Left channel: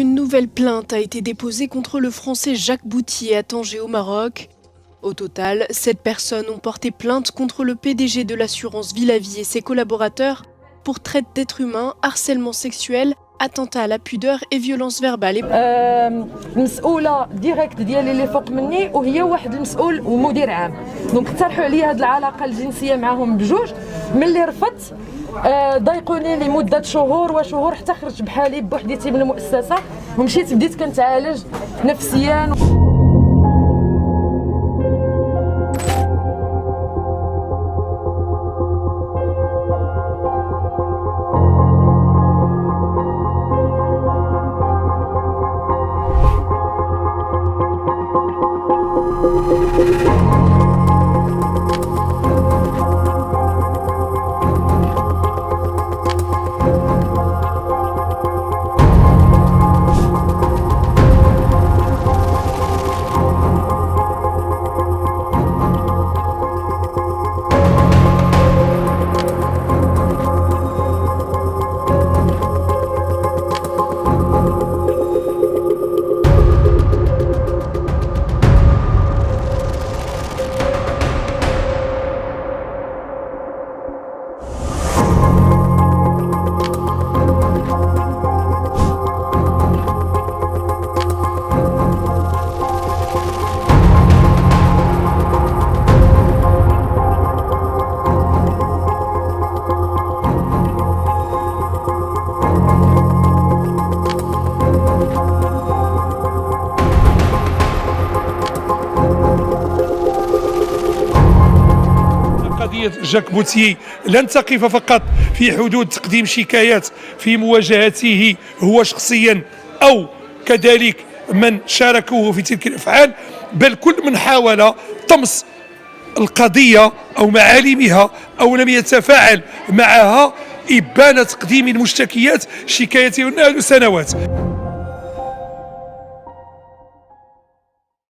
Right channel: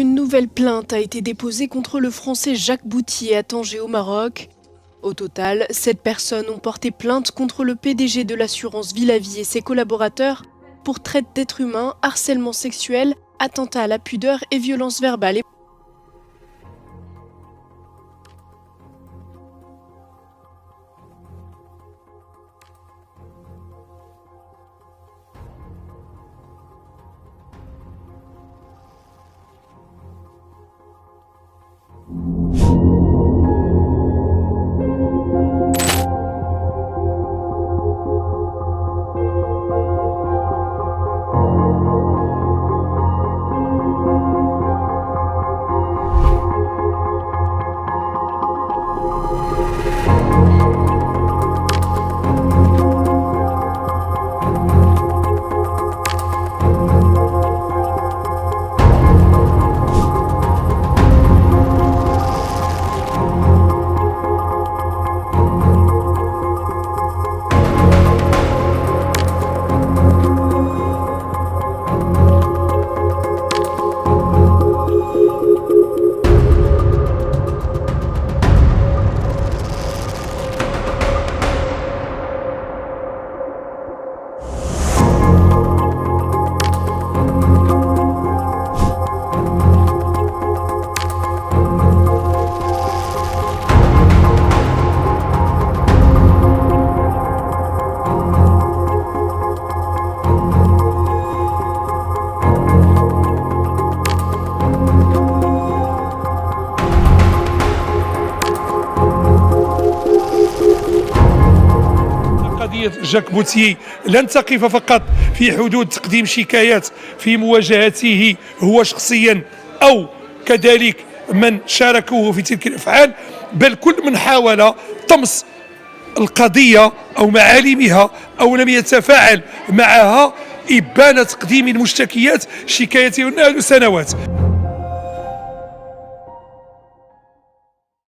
Une nouvelle plainte a été déposée contre le Français Jacques Boutier à Tanger au Maroc. Au total, 7 personnes ont porté plainte contre le PDG de l'assurance Villavie et ses collaborateurs pour traite d'êtres humains, harcèlement sexuel, attentat à la pudeur et violence verbale. المسؤوله ديريكت ديالي اللي فوق مني وهي واحد المسؤول ومدير عام دونك اقترحوا عليا هذه العلاقه الجنسيه معهم بجوج. ملي رفضت ضايقوني لمده شهور وشهور حتى خرجت بحالي بوحديتي من المؤسسه ومشيت بديت كنتعالج نفسيا. قضية جاك بوتيي لن تقف فقط في حدود تقديم شكايات في مواجهته هو شخصيا أو كذلك من شاركوه في تلك الأفعال، بل كل من حاول طمس القضية أو معالمها أو لم يتفاعل معها إبان تقديم المشتكيات شكايته منذ سنوات.